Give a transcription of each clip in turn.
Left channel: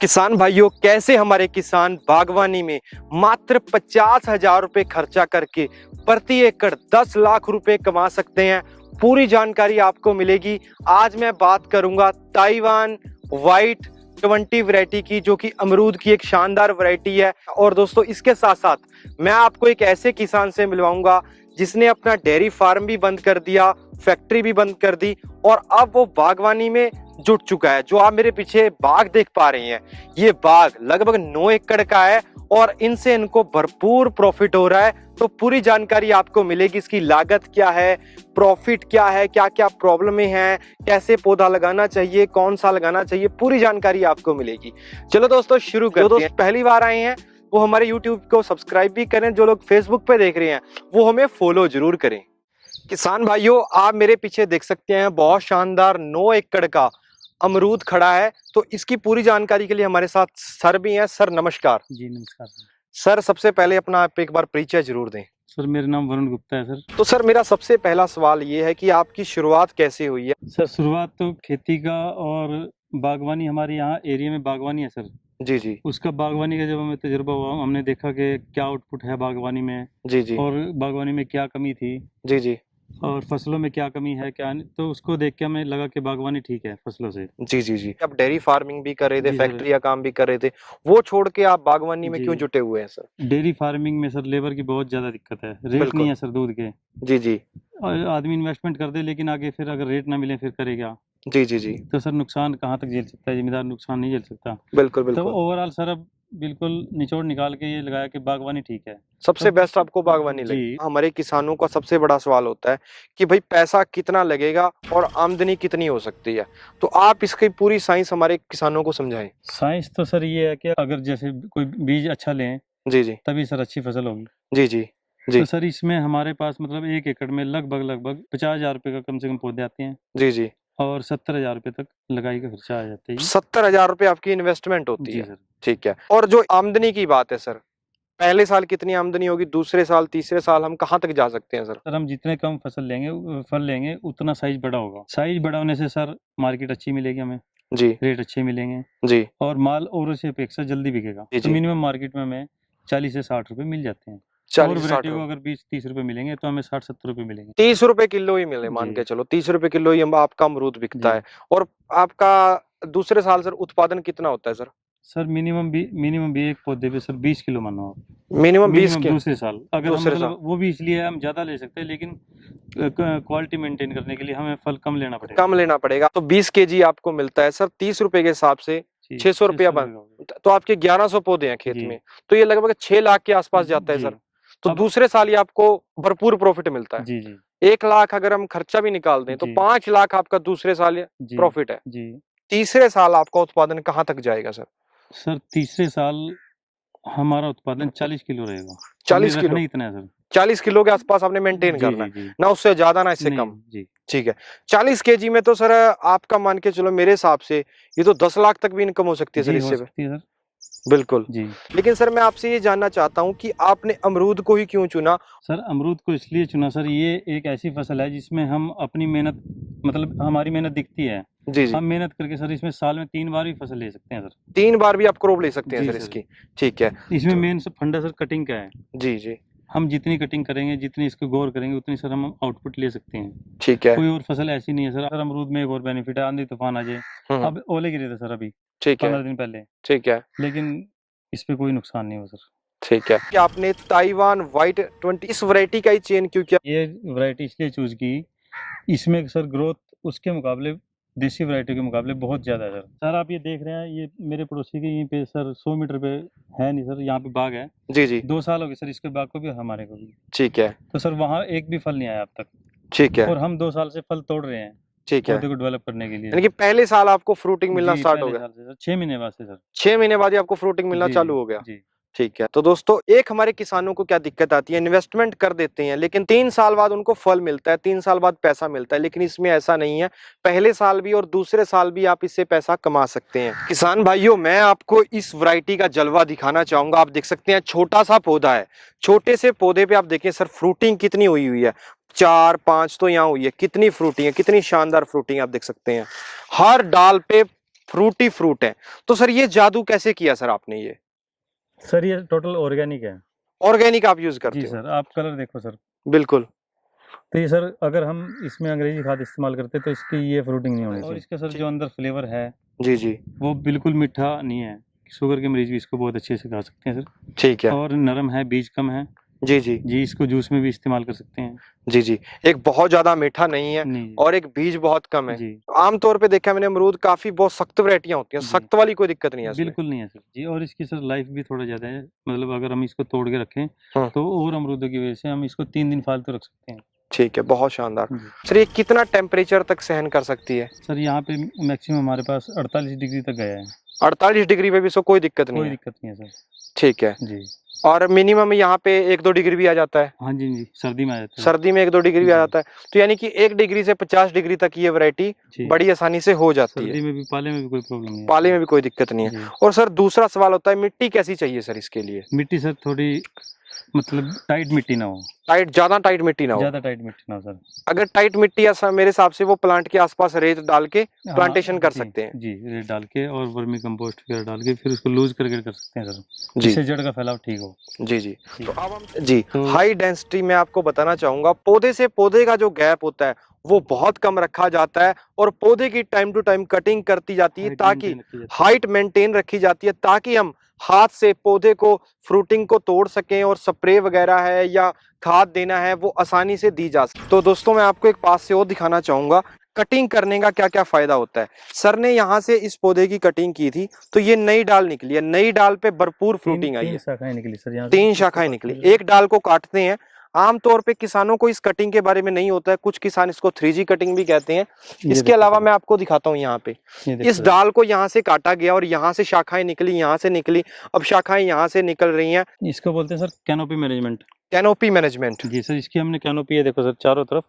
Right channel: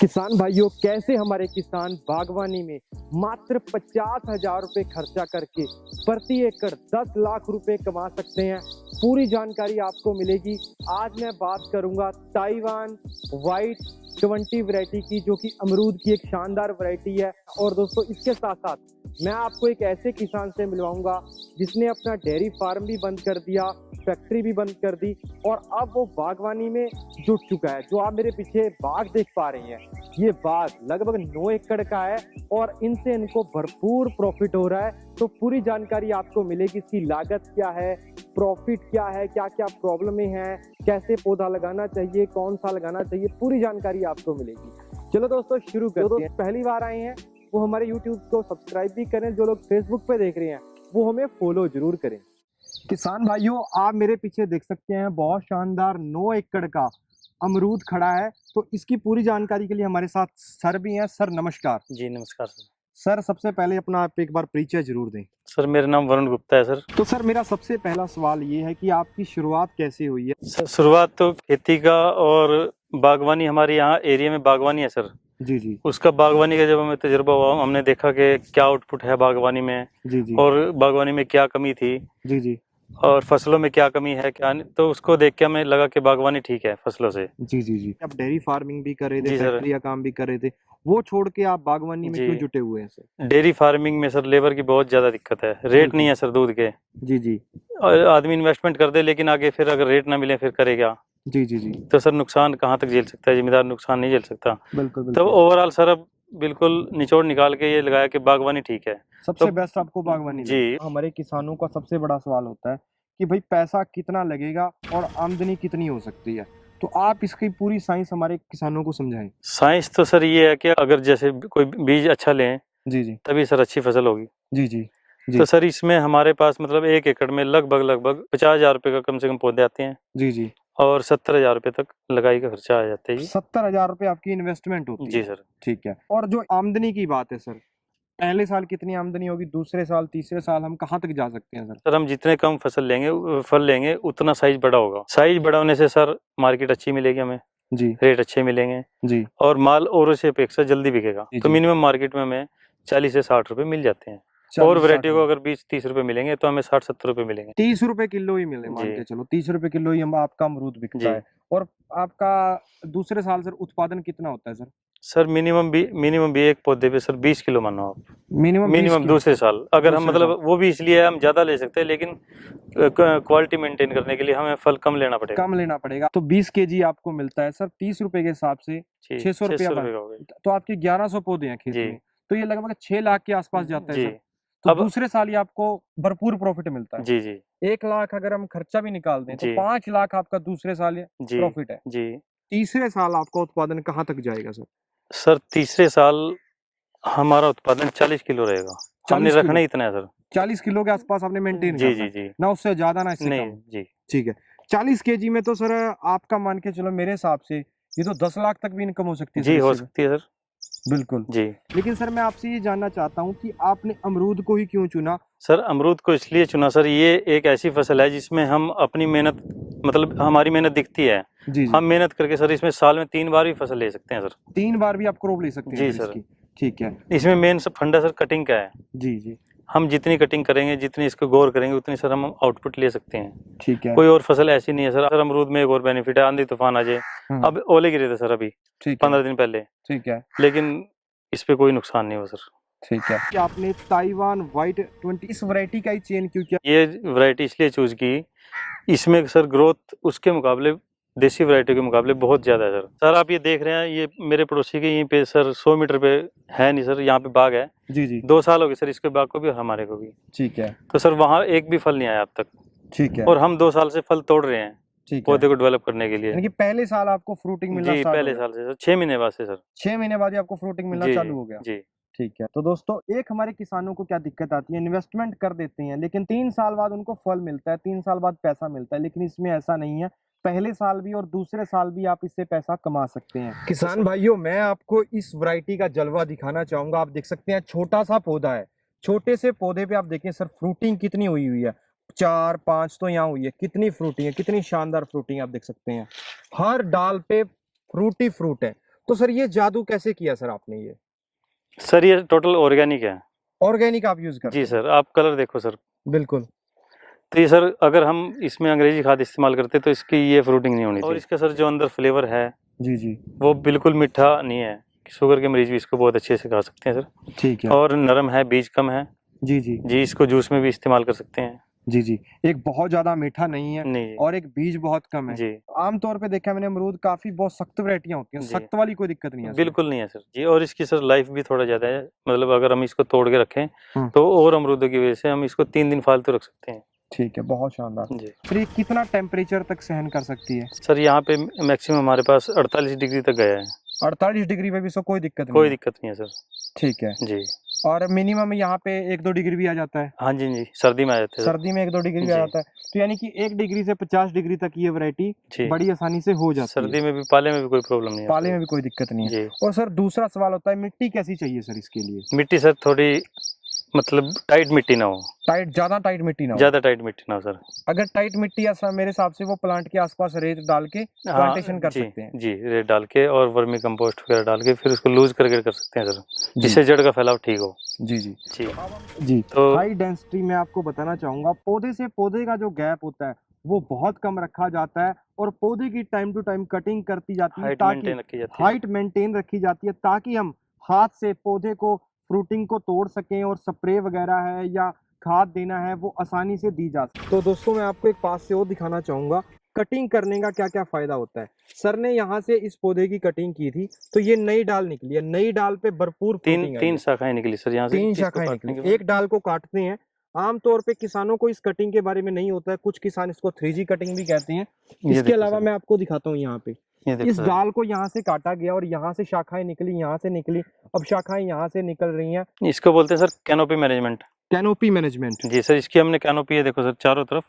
किसान भाइयों, कैसे हमारे किसान बागवानी में मात्र 50,000 रुपए खर्चा करके प्रति एकड़ 10 लाख रुपए कमा सकते हैं। पूरी जानकारी आपको मिलेगी। आज मैं बात करूंगा ताइवान वाइट 20 वैरायटी की, जो कि अमरूद की एक शानदार वैरायटी है। और दोस्तों, इसके साथ साथ मैं आपको एक ऐसे किसान से मिलवाऊंगा जिसने अपना डेयरी फार्म भी बंद कर दिया, फैक्ट्री भी बंद कर दी और अब वो बागवानी में जुट चुका है। जो आप मेरे पीछे बाग देख पा रहे हैं, ये बाग लगभग 9 एकड़ का है और इनसे इनको भरपूर प्रॉफिट हो रहा है। तो पूरी जानकारी आपको मिलेगी। इसकी लागत क्या है, प्रॉफिट क्या है, क्या क्या प्रॉब्लमें हैं, कैसे पौधा लगाना चाहिए, कौन सा लगाना चाहिए, पूरी जानकारी आपको मिलेगी। चलो दोस्तों, शुरू करते हैं। पहली बार आए हैं वो हमारे YouTube को सब्सक्राइब भी करें। जो लोग Facebook पे देख रहे हैं वो हमें फॉलो जरूर करें। किसान भाइयों, आप मेरे पीछे देख सकते हैं बहुत शानदार 9 एकड़ का अमरूद खड़ा है। तो इसकी पूरी जानकारी के लिए हमारे साथ सर भी हैं। सर नमस्कार। जी नमस्कार सर। सर, सबसे पहले अपना आप एक बार परिचय जरूर दें। सर मेरा नाम वरुण गुप्ता है सर। तो सर, मेरा सबसे पहला सवाल ये है कि आपकी शुरुआत कैसे हुई है? सर शुरुआत तो खेती का और बागवानी, हमारे यहाँ एरिया में बागवानी है सर। जी जी उसका बागवानी का जब हमें तजुर्बा हुआ, हमने देखा कि क्या आउटपुट है बागवानी में जी जी और बागवानी में क्या कमी थी जी जी और फसलों में क्या कमी है क्या नहीं। तो उसको देख के हमें लगा कि बागवानी ठीक है फसलों से। जी जी जी आप डेयरी फार्मिंग भी कर रहे थे, जी सर। फैक्ट्री का काम भी कर रहे थे, वो छोड़ के आप बागवानी में जी। क्यों जुटे हुए हैं सर? डेयरी फार्मिंग में सर लेबर की बहुत ज़्यादा दिक्कत है, रेट बिल्कुल। नहीं है सर दूध के। जी जी और आदमी इन्वेस्टमेंट कर दे लेकिन आगे फिर अगर रेट ना मिले फिर करेगा। जी जी जी तो सर नुकसान कहाँ तक झेल सकता है, जिम्मेदार नुकसान नहीं झेल सकता। बिल्कुल तो बिल्कुल। ओवरऑल सर अब बिल्कुल निचोड़ निकाल के ये लगाया कि बागवानी ठीक है। सबसे तो बेस्ट आपको बागवानी जी। लगी। हमारे किसानों का सबसे बड़ा सवाल होता है कि भाई पैसा कितना लगेगा और आमदनी कितनी हो सकती है। तो आप इसकी पूरी साइंस हमारे किसानों को समझाएं। साइंस तो सर ये है कि अगर जैसे कोई बीज अच्छा लें जी जी तभी सर अच्छी फसल होगी। जी जी जी तो सर इसमें हमारे पास मतलब 1 एकड़ में लगभग 50,000 रुपये का कम से कम पौधे आते हैं जी जी और 70,000 रुपये तक लगाई का खर्चा आ जाता है। 70,000 रुपये आपकी इन्वेस्टमेंट होती जी है। सर। ठीक है। और जो आमदनी की बात है सर, पहले साल कितनी आमदनी होगी, दूसरे साल, तीसरे साल हम कहाँ तक जा सकते हैं सर? सर हम जितने कम फल लेंगे उतना साइज बड़ा होगा। साइज बड़ा होने से सर मार्केट अच्छी मिलेगी, हमें जी रेट अच्छे मिलेंगे जी और माल औरों से अपेक्षा जल्दी बिकेगा। जी तो जी। मिनिमम मार्केट में हमें 40 से 60 रुपए मिल जाते हैं। 40 और से 60 वैरायटी को रुपए। अगर 20-30 रुपए मिलेंगे तो हमें 60-70 रुपए मिलेंगे। 30 रुपए किलो ही मिले, मान जी के चलो 30 रुपए किलो ही आपका अमरूद बिकता जी। है। और आपका दूसरे साल सर उत्पादन कितना होता है सर? सर मिनिमम भी एक पौधे पे सर 20 किलो मानो आप। मिनिमम 20 मिनिमम किलो दूसरे साल अगर हम दूसरे साल। मतलब वो भी इसलिए हम ज्यादा ले सकते हैं, लेकिन क्वालिटी मेंटेन करने के लिए हमें फल कम लेना पड़ेगा। कम लेना पड़ेगा। तो 20 केजी आपको मिलता है सर 30 रुपए के हिसाब से, जी 600 रुपया 600 रुपये का हो गया। तो आपके 1100 पौधे हैं खेत जी में। तो ये लगभग 6 लाख के आसपास जाता है जी। सर। तो अब दूसरे साल ही आपको भरपूर प्रॉफिट मिलता है। जी जी 1 लाख अगर हम खर्चा भी निकाल दें तो जी 5 लाख आपका दूसरे साल जी प्रॉफिट है। जी। तीसरे साल आपका उत्पादन कहाँ तक जाएगा सर? सर तीसरे साल हमारा उत्पादन 40 किलो रहेगा। 40 हमने किलो। रखना ही इतना है सर। 40 किलो के आसपास आपने मेंटेन जी करना जी है, जी। ना उससे ज्यादा ना इससे नहीं कम। जी ठीक है। 40 केजी में तो सर आपका मान के चलो, मेरे हिसाब से ये तो 10 लाख तक भी इनकम हो सकती है सर जी हो इससे। सकती है सर। बिल्कुल। जी लेकिन सर, मैं आपसे ये जानना चाहता हूँ कि आपने अमरूद को ही क्यों चुना? सर अमरूद को इसलिए चुना सर, ये एक ऐसी फसल है जिसमें हम अपनी मेहनत मतलब हमारी मेहनत दिखती है। जी जी। हम मेहनत करके सर इसमें साल में 3 बार भी फसल ले सकते हैं सर। 3 बार भी आप क्रॉप ले सकते हैं जी सर सर। इसकी। ठीक है। इसमें मेन सब फंडा सर कटिंग का है। जी जी। हम जितनी कटिंग करेंगे, जितनी इसको गौर करेंगे, उतनी सर हम आउटपुट ले सकते हैं। ठीक है। कोई और फसल ऐसी नहीं है सर। सर अमरूद में एक और बेनिफिट है, आंधी तूफान आ जाए। अब ओले गिरे थे सर अभी ठीक है। 15 दिन पहले, ठीक है। लेकिन इस पे कोई नुकसान नहीं हुआ सर। ठीक है। क्या आपने ताइवान वाइट 20 इस वैरायटी का ही चयन क्यों किया? ये वैरायटी इसलिए चूज की, इसमें सर ग्रोथ उसके मुकाबले देसी वैरायटी के मुकाबले बहुत ज़्यादा है सर। सर आप ये देख रहे हैं, ये मेरे पड़ोसी के यहीं पे सर 100 मीटर पे है नहीं सर, यहाँ पे बाग है। जी जी। 2 साल हो गए सर इसके बाग को भी और हमारे को भी। ठीक है। तो सर वहाँ एक भी फल नहीं आया अब तक। ठीक है। और हम 2 साल से फल तोड़ रहे हैं ठीक है। पौधे को डेवलप करने के लिए। यानी कि पहले साल आपको फ्रूटिंग मिलना जी स्टार्ट हो पहले गया। साल से सर 6 महीने बाद से सर। 6 महीने बाद ही आपको फ्रूटिंग मिलना जी चालू जी हो गया। जी ठीक है। तो दोस्तों, एक हमारे किसानों को क्या दिक्कत आती है, इन्वेस्टमेंट कर देते हैं लेकिन 3 साल बाद उनको फल मिलता है, 3 साल बाद पैसा मिलता है। लेकिन इसमें ऐसा नहीं है, पहले साल भी और दूसरे साल भी आप इससे पैसा कमा सकते हैं। किसान भाइयों, मैं आपको इस वैरायटी का जलवा दिखाना चाहूंगा। आप देख सकते हैं छोटा सा पौधा है। छोटे से पौधे पे आप देखें सर, फ्रूटिंग कितनी हुई हुई है, 4-5 तो यहाँ हुई है। कितनी फ्रूटिंग है, कितनी शानदार फ्रूटिंग आप देख सकते हैं। हर डाल पे फ्रूटी फ्रूट है। तो सर ये जादू कैसे किया सर आपने? ये सर ये टोटल ऑर्गेनिक है। ऑर्गेनिक आप यूज करते जी हैं? सर, आप कलर देखो सर। बिल्कुल। तो ये सर अगर हम इसमें अंग्रेजी खाद इस्तेमाल करते तो इसकी ये फ्रूटिंग नहीं होनी थी। और इसका सर जो अंदर फ्लेवर है जी जी वो बिल्कुल मीठा नहीं है, शुगर के मरीज भी इसको बहुत अच्छे से खा सकते हैं सर। ठीक है। और नरम है, बीज कम है। जी जी जी, इसको जूस में भी इस्तेमाल कर सकते हैं। जी जी। एक बहुत ज्यादा मीठा नहीं है नहीं और एक बीज बहुत कम है। जी आमतौर पे देखा है मैंने अमरूद काफी बहुत सख्त वैरायटियां होती हैं, जी। सख्त वाली कोई दिक्कत नहीं है इसमें। बिल्कुल नहीं है सर जी। और इसकी सर लाइफ भी थोड़ा ज़्यादा है, मतलब अगर हम इसको तोड़ के रखें हम्म। तो और अमरूदों की वजह से हम इसको 3 दिन फालतू रख सकते हैं। ठीक है, बहुत शानदार। जी सर ये कितना टेम्परेचर तक सहन कर सकती है? सर, यहाँ पे मैक्सिमम हमारे पास 48 डिग्री तक गया है। 48 डिग्री पे भी इसको कोई दिक्कत नहीं कोई है? दिक्कत नहीं है सर ठीक है। जी। और मिनिमम यहाँ पे 1-2 डिग्री भी आ जाता है? हाँ जी जी, सर्दी में आ जाते हैं सर। सर्दी में 1-2 डिग्री भी आ जी। जाता है। तो यानी कि 1 डिग्री से 50 डिग्री तक ये वैरायटी जी, बड़ी आसानी से हो जाती सर्दी है। में भी, पाले में भी कोई प्रॉब्लम नहीं है। पाले में भी कोई दिक्कत नहीं है। जी। और सर दूसरा सवाल होता है, मिट्टी कैसी चाहिए सर इसके लिए? मिट्टी सर थोड़ी मतलब टाइट मिट्टी ना हो, टाइट, ज्यादा टाइट मिट्टी ना हो। ज़्यादा टाइट मिट्टी ना हो सर। अगर टाइट मिट्टी ऐसा मेरे हिसाब से वो प्लांट के आसपास रेत डाल के हाँ, प्लांटेशन कर जी, सकते हैं। जी, रेत डाल के और वर्मी कंपोस्ट वगैरह डाल के फिर उसको लूज करके कर सकते हैं सर, जी जिससे जड़ का फैलाव ठीक हो। जी जी। जी। तो अब हम जी तो हाई डेंसिटी में आपको बताना चाहूंगा, पौधे से पौधे का जो गैप होता है वो बहुत कम रखा जाता है और पौधे की टाइम टू टाइम कटिंग करती जाती है हाइट ताकि मेंटेन रखी जाती है। हाइट मेंटेन रखी जाती है ताकि हम हाथ से पौधे को फ्रूटिंग को तोड़ सकें और स्प्रे वगैरह है या खाद देना है वो आसानी से दी जा सके। तो दोस्तों मैं आपको एक पास से और दिखाना चाहूंगा कटिंग करने का क्या क्या फायदा होता है। सर ने यहाँ से इस पौधे की कटिंग की थी तो ये नई डाल निकली है, नई डाल पे भरपूर फ्रूटिंग आई तीन है। शाखाएं निकली सर यहाँ से। 3 इसको शाखाएं काटने निकली, के एक डाल को काटते हैं। आमतौर पे किसानों को इस कटिंग के बारे में नहीं होता है, कुछ किसान इसको 3G कटिंग भी कहते हैं। ये इसके देखो अलावा सर, मैं आपको दिखाता हूँ यहाँ पे ये देखो इस सर। डाल को यहाँ से काटा गया और यहाँ से शाखाएं निकली, यहाँ से निकली, अब शाखाएं यहाँ से निकल रही हैं। इसको बोलते हैं sir canopy management. Canopy management. जी सर, इसकी हमने कैनोपी है देखो सर, चारों तरफ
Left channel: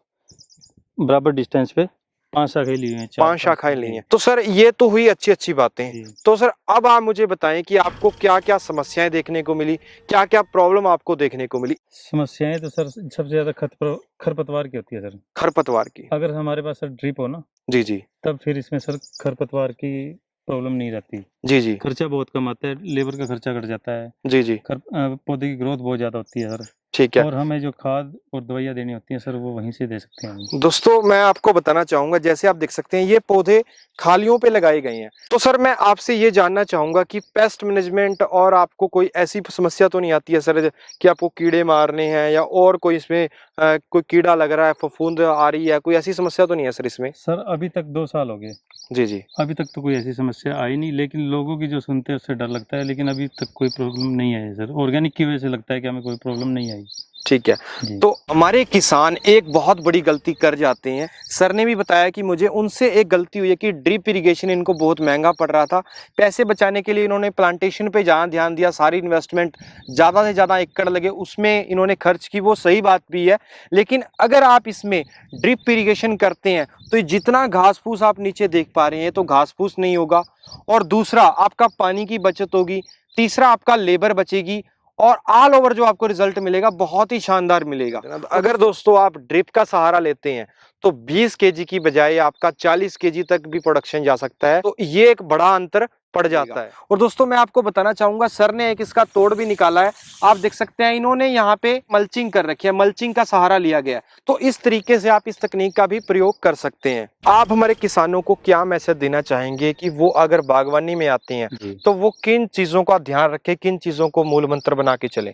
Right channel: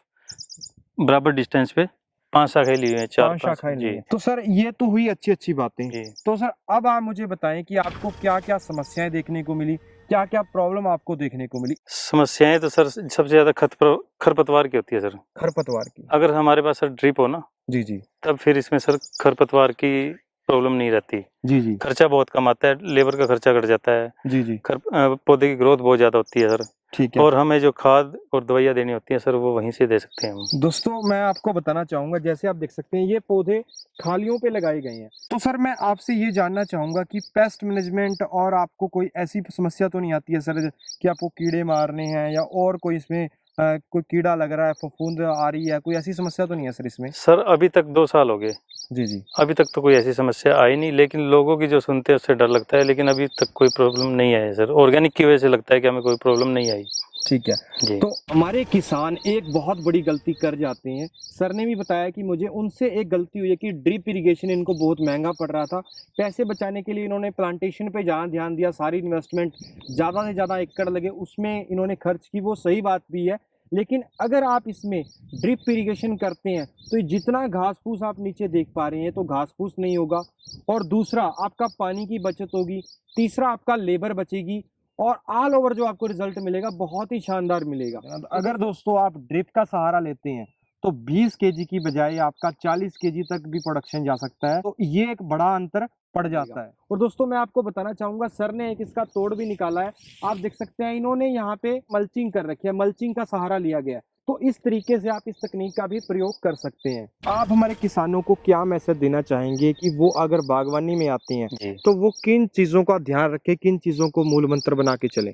बराबर डिस्टेंस पे 5 शाखाएं ली हैं, 5 शाखाएं ली हैं। तो सर ये तो हुई अच्छी अच्छी बातें। जी। तो सर अब आप मुझे बताएं कि आपको क्या क्या समस्याएं देखने को मिली, क्या क्या प्रॉब्लम आपको देखने को मिली? समस्याएं तो सर सबसे ज्यादा खरपतवार की होती है सर। खरपतवार की। अगर हमारे पास सर ड्रिप हो ना, जी जी तब फिर इसमें सर खरपतवार की प्रॉब्लम नहीं रहती। जी जी खर्चा बहुत कम आता है, लेबर का खर्चा घट जाता है। जी जी। पौधे की ग्रोथ बहुत ज़्यादा होती है सर। ठीक है। और हमें जो खाद और दवाइयाँ देनी होती हैं सर, वो वहीं से दे सकते हैं हम। दोस्तों मैं आपको बताना चाहूंगा, जैसे आप देख सकते हैं ये पौधे खालियों पे लगाए गए हैं। तो सर मैं आपसे ये जानना चाहूंगा कि पेस्ट मैनेजमेंट और आपको कोई ऐसी समस्या तो नहीं आती है सर कि आपको कीड़े मारने हैं या और कोई इसमें कोई कीड़ा लग रहा है, फफूंद आ रही है, कोई ऐसी समस्या तो नहीं है सर इसमें? सर अभी तक 2 साल हो गए, जी जी। अभी तक तो कोई ऐसी समस्या आई नहीं, लेकिन लोगों की जो सुनते हैं उससे डर लगता है। लेकिन अभी तक कोई प्रॉब्लम नहीं आई है सर। ऑर्गेनिक की वजह से लगता है कि हमें कोई प्रॉब्लम नहीं आई। ठीक है। जी। तो हमारे किसान एक बहुत बड़ी गलती कर जाते हैं। सर ने भी बताया कि मुझे उनसे एक गलती हुई है कि ड्रिप इरिगेशन इनको बहुत महंगा पड़ रहा था। पैसे बचाने के लिए इन्होंने प्लांटेशन पे जहाँ ध्यान दिया, सारी इन्वेस्टमेंट ज़्यादा से ज़्यादा एकड़ लगे उसमें इन्होंने खर्च की, वो सही बात भी है। लेकिन अगर आप इसमें ड्रिप इरिगेशन करते हैं तो ये जितना घास फूस आप नीचे देख पा रहे हैं तो घास फूस नहीं होगा, और दूसरा आपका पानी की बचत होगी, तीसरा आपका लेबर बचेगी, और ऑल ओवर जो आपको रिजल्ट मिलेगा बहुत ही शानदार मिलेगा। अगर दोस्तों आप ड्रिप का सहारा लेते हैं तो 20 केजी की बजाय आपका 40 केजी तक भी प्रोडक्शन जा सकता है। तो ये एक बड़ा अंतर पड़ जाता है। और दोस्तों मैं आपको बताना चाहूंगा, सर ने एक इसका तोड़ भी निकाला है। आप देख सकते हैं इन्होंने यहाँ पे मल्चिंग कर रखी है, मल्चिंग का सहारा लिया गया है। तो इस तरीके से आप इस तकनीक का भी प्रयोग कर सकते हैं। आप हमारे किसानों को क्या मैसेज देना चाहेंगे कि वो अगर बागवानी में आते हैं जी तो वो किन चीजों का ध्यान रखें, किन चीजों को मूल मंत्र बना के चले?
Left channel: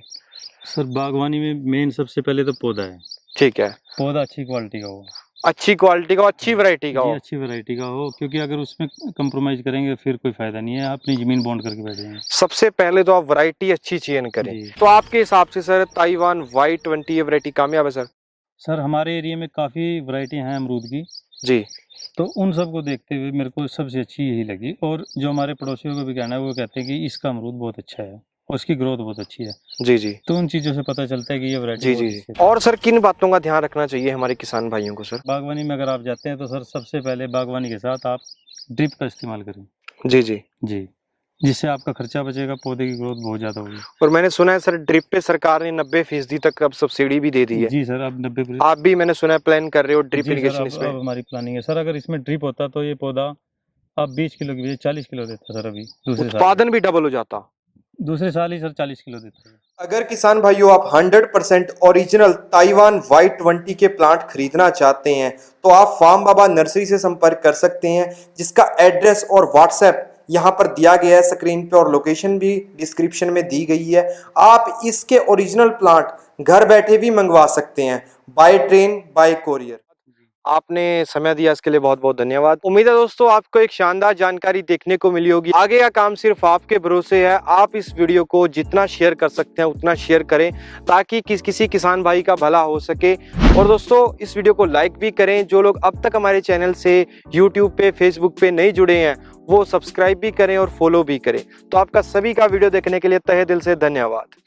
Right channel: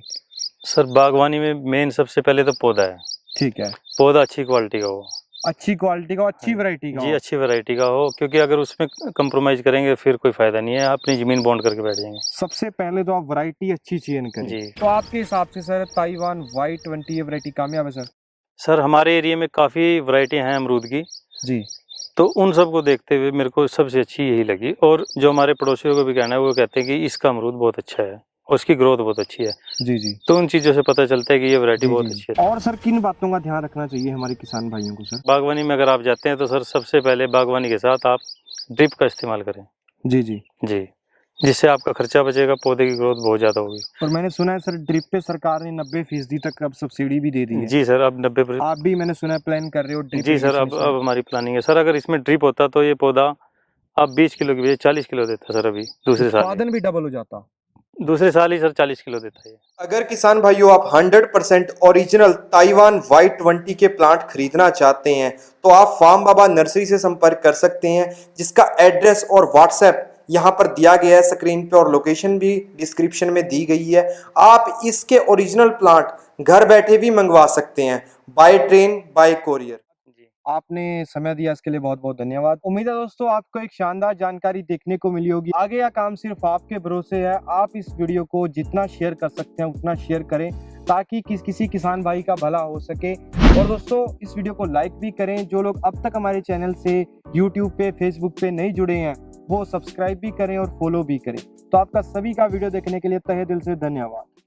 सर, बागवानी में मेन सबसे पहले तो पौधा है। ठीक है। पौधा अच्छी क्वालिटी का हो, अच्छी क्वालिटी का, अच्छी वैरायटी का जी, हो। अच्छी वैरायटी का हो, क्योंकि अगर उसमें कंप्रोमाइज करेंगे फिर कोई फायदा नहीं है, अपनी जमीन बॉन्ड करके बैठ जाएंगे। सबसे पहले तो आप वैरायटी अच्छी चयन करें। जी। तो आपके हिसाब से सर ताइवान Y20 ये वैरायटी कामयाब है सर? सर हमारे एरिया में काफ़ी वैरायटी हैं अमरूद की, जी तो उन सब को देखते हुए मेरे को सबसे अच्छी यही लगी। और जो हमारे पड़ोसियों को भी कहना है, वो कहते हैं कि इसका अमरूद बहुत अच्छा है और उसकी ग्रोथ बहुत अच्छी है। जी जी तो उन चीज़ों से पता चलता है कि ये वैरायटी जी बहुत जी। अच्छी है। और सर किन बातों का ध्यान रखना चाहिए हमारे किसान भाइयों को सर? बागवानी में अगर आप जाते हैं तो सर सबसे पहले बागवानी के साथ आप ड्रिप का इस्तेमाल करें। जी जी जी, जिससे आपका खर्चा बचेगा, पौधे की ग्रोथ बहुत ज़्यादा होगी। और मैंने सुना है सर ड्रिप पे सरकार ने 90% तक अब सब्सिडी भी दे दी है। जी सर, अब 90%। आप भी मैंने सुना है प्लान कर रहे हो ड्रिप जी सर, इरिगेशन अब इसमें? हमारी प्लानिंग है सर। अगर इसमें ड्रिप होता तो ये पौधा आप 20 किलो की बजाय 40 किलो देता है सर अभी दूसरे साल में। उत्पादन भी डबल हो जाता। दूसरे साल ही सर 40 किलो देता है। अगर किसान भाइयों आप 100% ओरिजिनल ताइवान Y20 के प्लांट खरीदना चाहते हैं तो आप फार्म बाबा नर्सरी से संपर्क कर सकते हैं, जिसका एड्रेस और व्हाट्सएप यहाँ पर दिया गया है स्क्रीन पे और लोकेशन भी डिस्क्रिप्शन में दी गई है। आप इसके ओरिजिनल प्लांट घर बैठे भी मंगवा सकते हैं, बाय ट्रेन बाय कोरियर। आपने समय दिया इसके लिए बहुत बहुत धन्यवाद। उम्मीद है दोस्तों आपको एक शानदार जानकारी देखने को मिली होगी। आगे का काम सिर्फ आपके भरोसे है। आप इस वीडियो को जितना शेयर कर सकते हैं उतना शेयर करें ताकि किसी किसान भाई का भला हो सके। और दोस्तों इस वीडियो को लाइक भी करें। जो लोग अब तक हमारे चैनल से यूट्यूब पे फेसबुक पे नहीं जुड़े हैं वो सब्सक्राइब भी करें और फॉलो भी करें। तो आपका सभी का वीडियो देखने के लिए तहे दिल से धन्यवाद।